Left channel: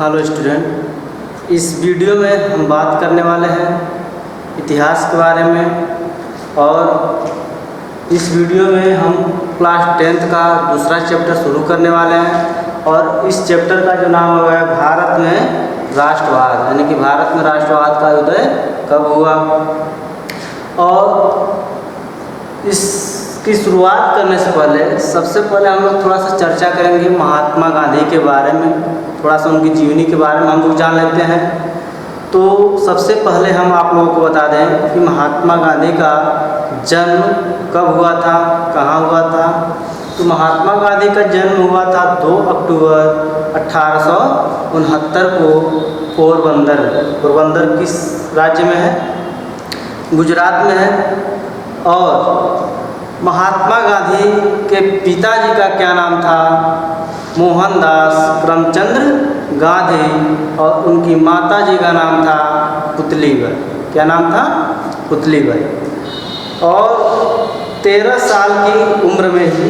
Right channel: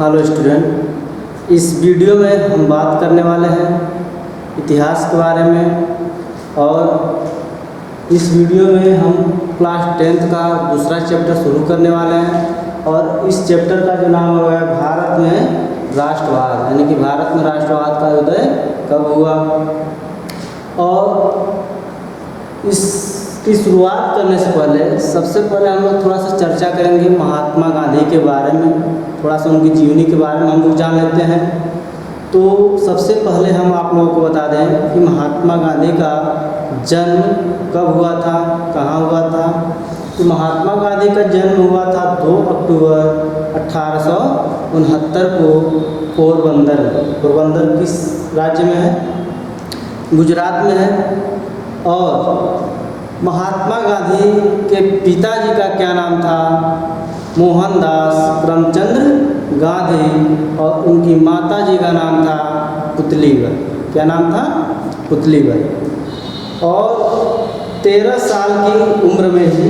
Hello student, इस video में हम बात करने वाले हैं इतिहास के बारे में। और इस वीडियो में हम क्लास 10th का दूसरा चैप्टर शुरू करने वाले हैं। और इस चैप्टर का जो नाम है भारत में राष्ट्रवाद, यानी कि भारत में राष्ट्रवाद का उदय कब हुआ। और इसकी शुरुआत करने से पहले सबसे पहले हम लोग थोड़ा सा चर्चा करेंगे महात्मा गांधी के बारे में, थोड़ा सा उनकी जीवनी के बारे में हम लोग जान लेते हैं। तो सबसे पहले हम आप लोगों को बता दें कि महात्मा गांधी का जन्म कब हुआ था, कहाँ हुआ था। तो महात्मा गांधी का जन्म हुआ था 2 अक्टूबर 1869 को पोरबंदर किस राज्य में है? गुजरात में है। और महात्मा गांधी के पिताजी का क्या नाम था? मोहनदास करमचंद गांधी। और उनकी माताजी का नाम था पुतलीबाई। क्या नाम था? पुतलीबाई। और 13 साल की उम्र में ही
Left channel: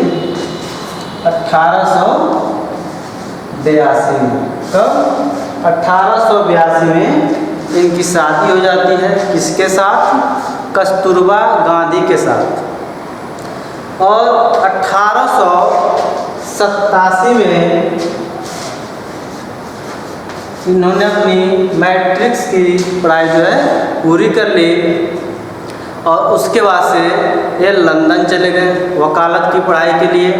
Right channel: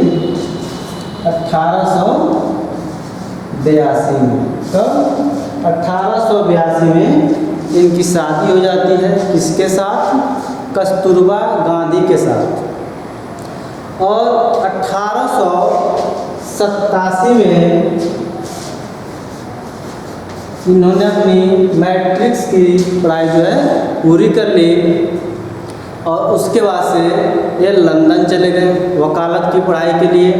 1882 में, कब? 1882 में इनकी शादी हो जाती है। किसके साथ? कस्तूरबा गांधी के साथ। और 1887 में इन्होंने अपनी मैट्रिक्स की पढ़ाई जो है पूरी कर ली। और उसके बाद से ये लंदन चले गए वकालत की पढ़ाई के लिए।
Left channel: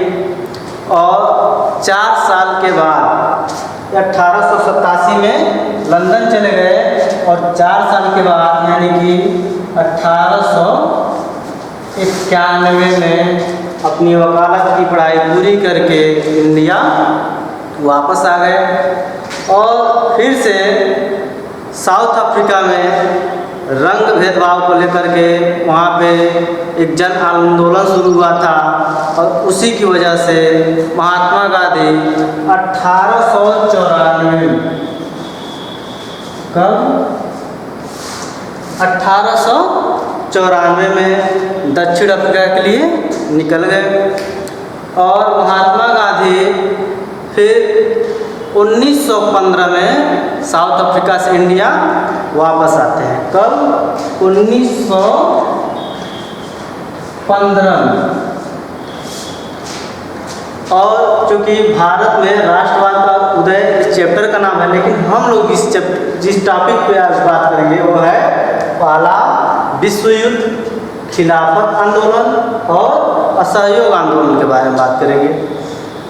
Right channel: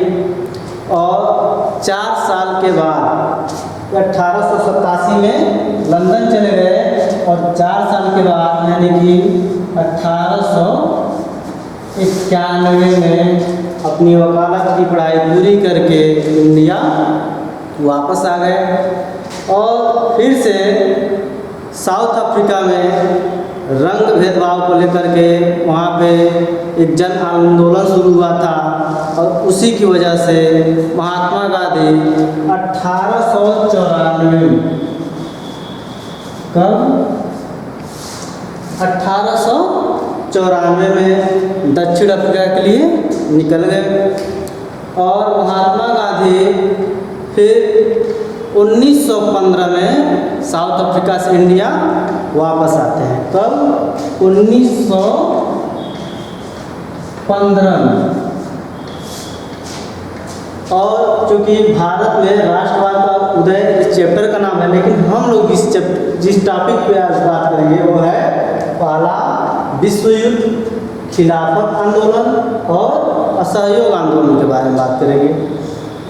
और 4 साल के बाद 1887 में लंदन चले गए। और 4 साल के बाद यानी कि 1891 में अपनी वकालत की पढ़ाई पूरी करके इंडिया वापस आ गए। और फिर से साउथ अफ्रीका में रंग भेदभाव को लेकर के वहाँ पे एक जन आंदोलन शुरू हुआ था। और उसी की वजह से महात्मा गांधी 1894 कब? 1894 में दक्षिण अफ्रीका के लिए निकल गए। और महात्मा गांधी फिर 1915 में साउथ अफ्रीका से इंडिया वापस आते हैं। कब? 1915 में। और चूँकि भारत में राष्ट्रवाद का उदय इस चैप्टर का नाम है, लेकिन हम लोग जिस टॉपिक पे आज बात करेंगे वो है पहला विश्व युद्ध, खिलाफत आंदोलन और असहयोग आंदोलन के बारे में बात करेंगे।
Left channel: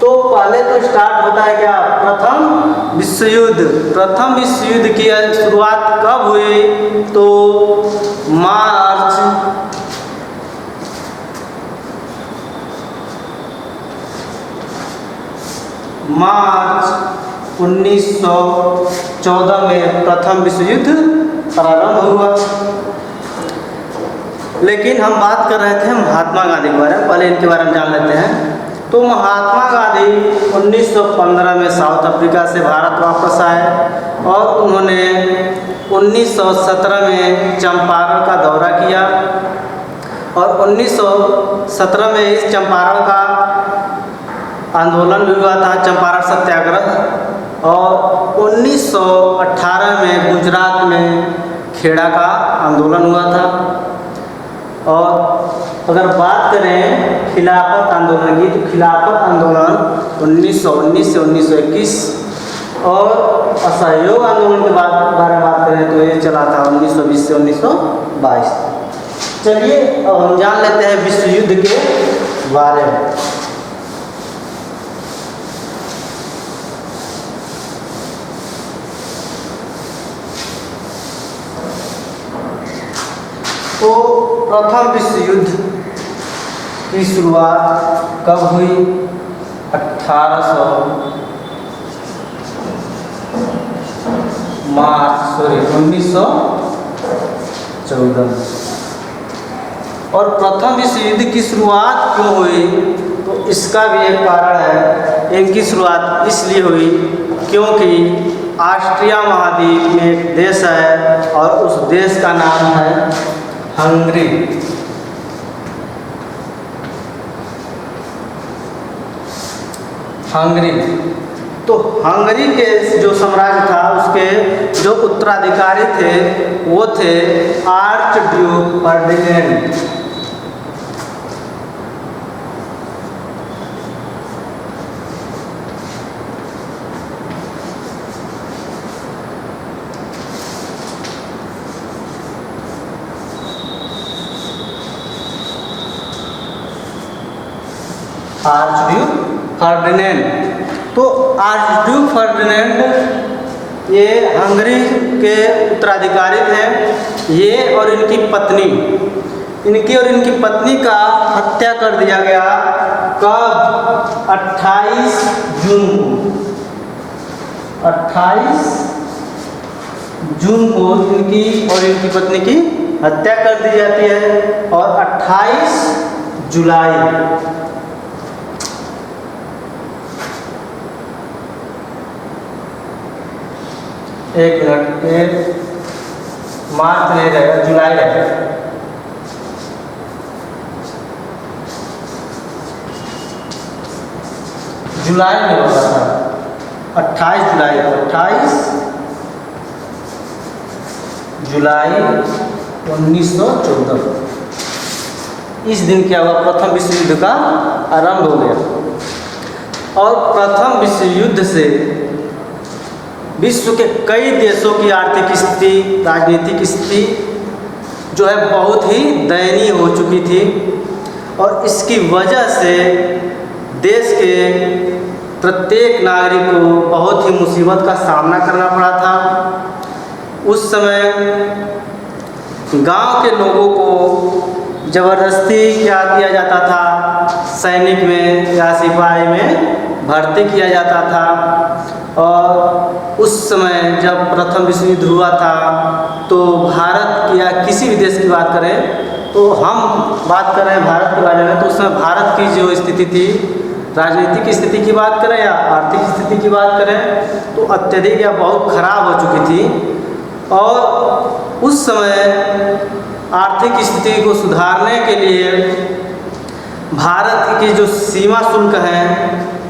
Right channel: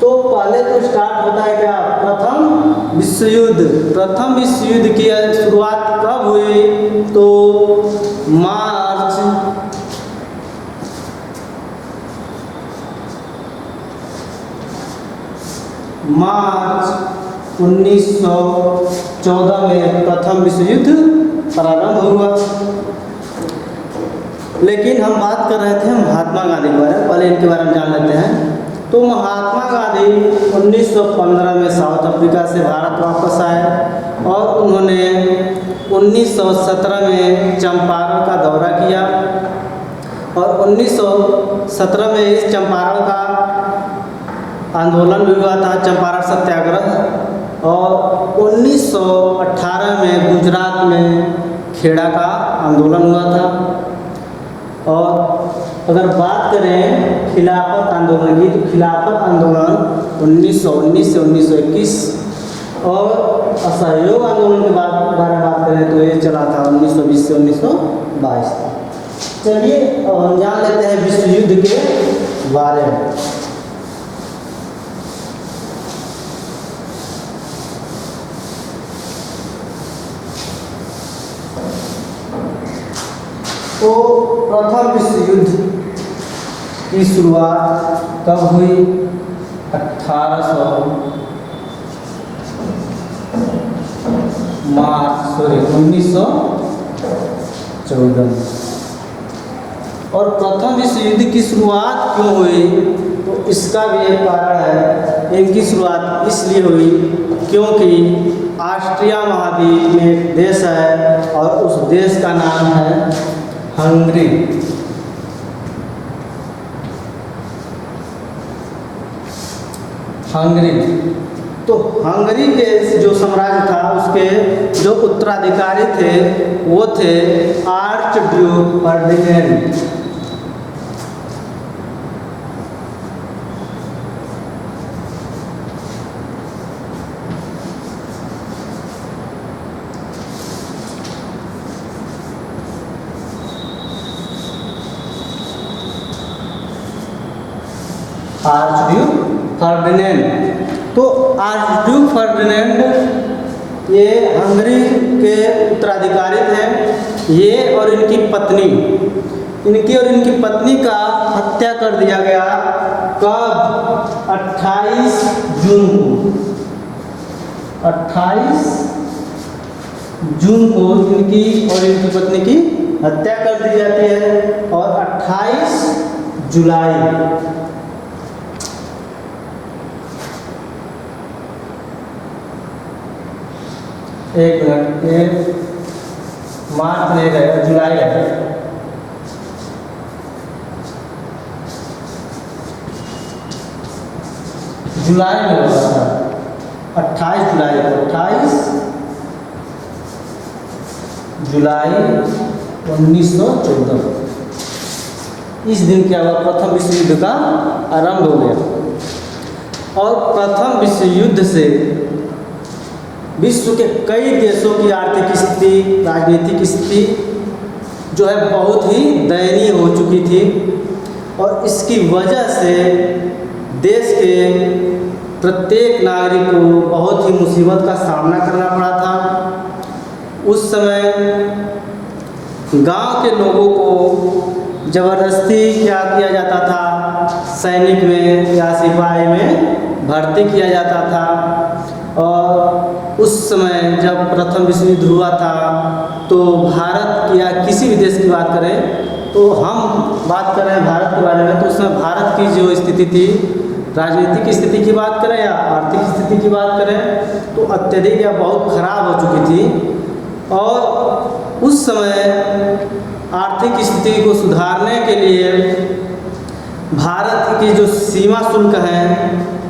तो पहले तो स्टार्ट होता है क्या? प्रथम विश्व युद्ध। प्रथम विश्व युद्ध की शुरुआत कब हुई? तो मार्च 1914 में प्रथम विश्व युद्ध प्रारंभ हुआ। लेकिन हम बात कर रहे थे महात्मा गांधी के बारे में, पहले इनके बारे में जान लेते हैं। तो महात्मा गांधी 1915 में साउथ अफ्रीका से भारत वापस आए। और उन्होंने 1917 में चंपारण का दौरा किया। और 1917 में इस चंपारण का आंदोलन भी हुआ था, चंपारण सत्याग्रह। और 1918 में गुजरात में खेड़ा का आंदोलन हुआ था। और अगर बात करें खिलाफत आंदोलन की, तो खिलाफत आंदोलन 1919 से 1921। और असहयोग आंदोलन के बारे में बात करें तो ये चला था 1920 से 1922। चलिए अब हम जान लेते हैं विश्व युद्ध के बारे में। तो प्रथम विश्व युद्ध की शुरुआत कब हुई? 1914 में। और प्रथम विश्व युद्ध की शुरुआत क्यों हुई? तो इसका भी एक कारण है। इनकी शुरुआत इसलिए हुई क्योंकि ऑस्ट्रिया महाद्वीप में एक देश है और उस देश का नाम है हंगरी। तो हंगरी के जो साम्राज्य था उसके जो उत्तराधिकारी थे वो थे arch Duke Ferdinand. Archduke Ferdinand. तो आर्चड्यूक फर्डिनेंड ये हंगरी के उत्तराधिकारी थे। ये और इनकी पत्नी का हत्या कर दिया गया कब? 28 जून को। 28 जून को इनकी और इनकी पत्नी की हत्या कर दी जाती है और 28 जुलाई एक मिनट, ये मार्च नहीं रहेगा, जुलाई रहेगा। जुलाई में होगा था 28 जुलाई को। 28 जुलाई 1914 इस दिन क्या हुआ? प्रथम विश्व युद्ध का आरंभ हो गया। और प्रथम विश्व युद्ध से विश्व के कई देशों की आर्थिक स्थिति, राजनीतिक स्थिति जो है बहुत ही दयनीय हो चुकी थी और इसकी वजह से देश के प्रत्येक नागरिक को बहुत ही मुसीबत का सामना करना पड़ा था। उस समय गांव के लोगों को ज़बरदस्ती क्या किया जाता था? सैनिक में या सिपाही में भर्ती किया जाता था। और उस समय जब प्रथम विश्व युद्ध हुआ था तो भारत या किसी भी देश की बात करें तो हम बात कर रहे हैं भारत के बारे में, तो उस समय भारत की जो स्थिति थी, राजनीतिक स्थिति की बात करें या आर्थिक स्थिति की बात करें तो अत्यधिक या बहुत खराब हो चुकी थी। और उस समय आर्थिक स्थिति को सुधारने के लिए भारत की जो सीमा शुल्क हैं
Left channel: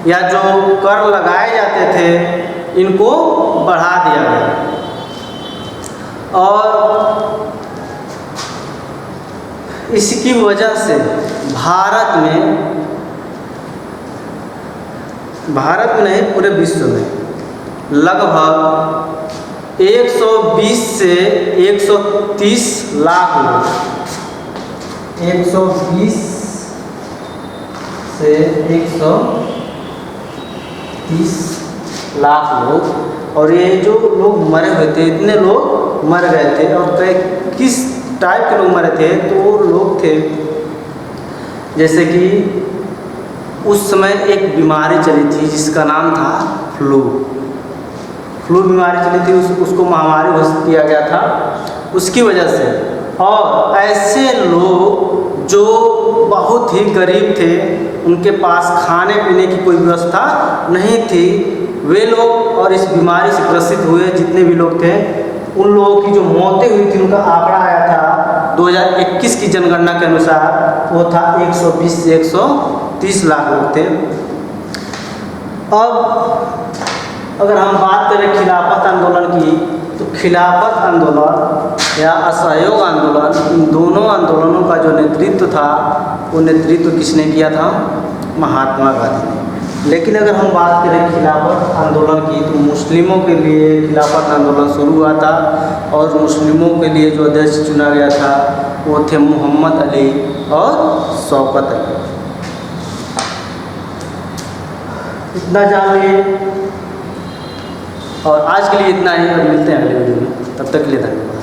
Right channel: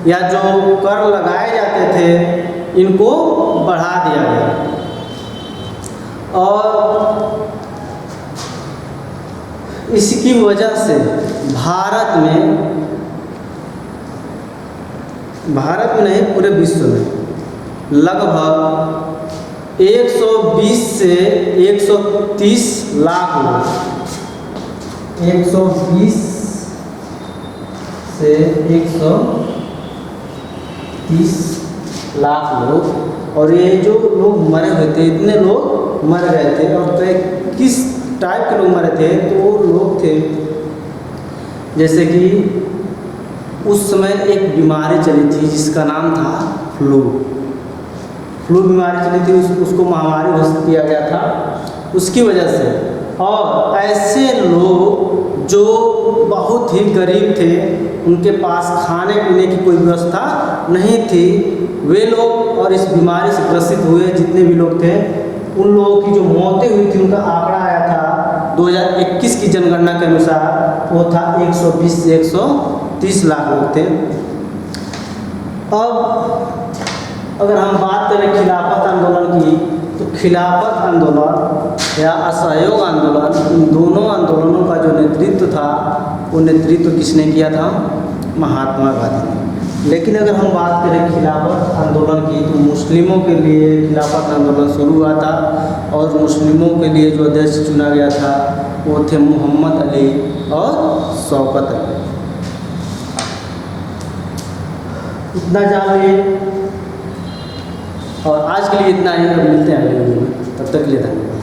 या जो कर लगाए जाते थे इनको बढ़ा दिया गया। और इसकी वजह से भारत में नहीं पूरे विश्व में लगभग 120 से 130 लाख लोग, 120 से 130 लाख लोग, और ये जो लोग मरे हुए थे, इतने लोग मर गए थे। और किस टाइप के लोग मरे थे? तो वो लोग थे जैसे कि उस समय एक बीमारी चली थी जिसका नाम था फ्लू बीमारी चली थी, उसको महामारी घोषित किया गया था उसकी वजह से। और ऐसे लोग जो बहुत ही गरीब थे, उनके पास खाने पीने की कोई व्यवस्था नहीं थी, वे लोग और इस बीमारी से ग्रसित हुए जितने भी लोग थे, उन लोगों की जो मौतें हुई थी उनका आंकड़ा आया था 2021 की जनगणना के अनुसार वो था 120 से 130 लाख लोग थे। अब अगर हम बात करें खिलाफत आंदोलन की, तो खिलाफत आंदोलन या असहयोग आंदोलन, इन दोनों आंदोलनों का जो नेतृत्व था वो नेतृत्व किसने किया था? महात्मा गांधी ने। लेकिन अगर हम बात करें खिलाफत आंदोलन की, तो मुस्लिमों के लिए खिलाफत आंदोलन शुरू हुआ था और मुस्लिमों के लिए जो अध्यक्ष चुना गया था वो थे मोहम्मद अली और शौकत अली। इतना जान लिए और आज के लिए इतना ही। अब मिलते हैं अगले वीडियो में, तब तक के लिए धन्यवाद।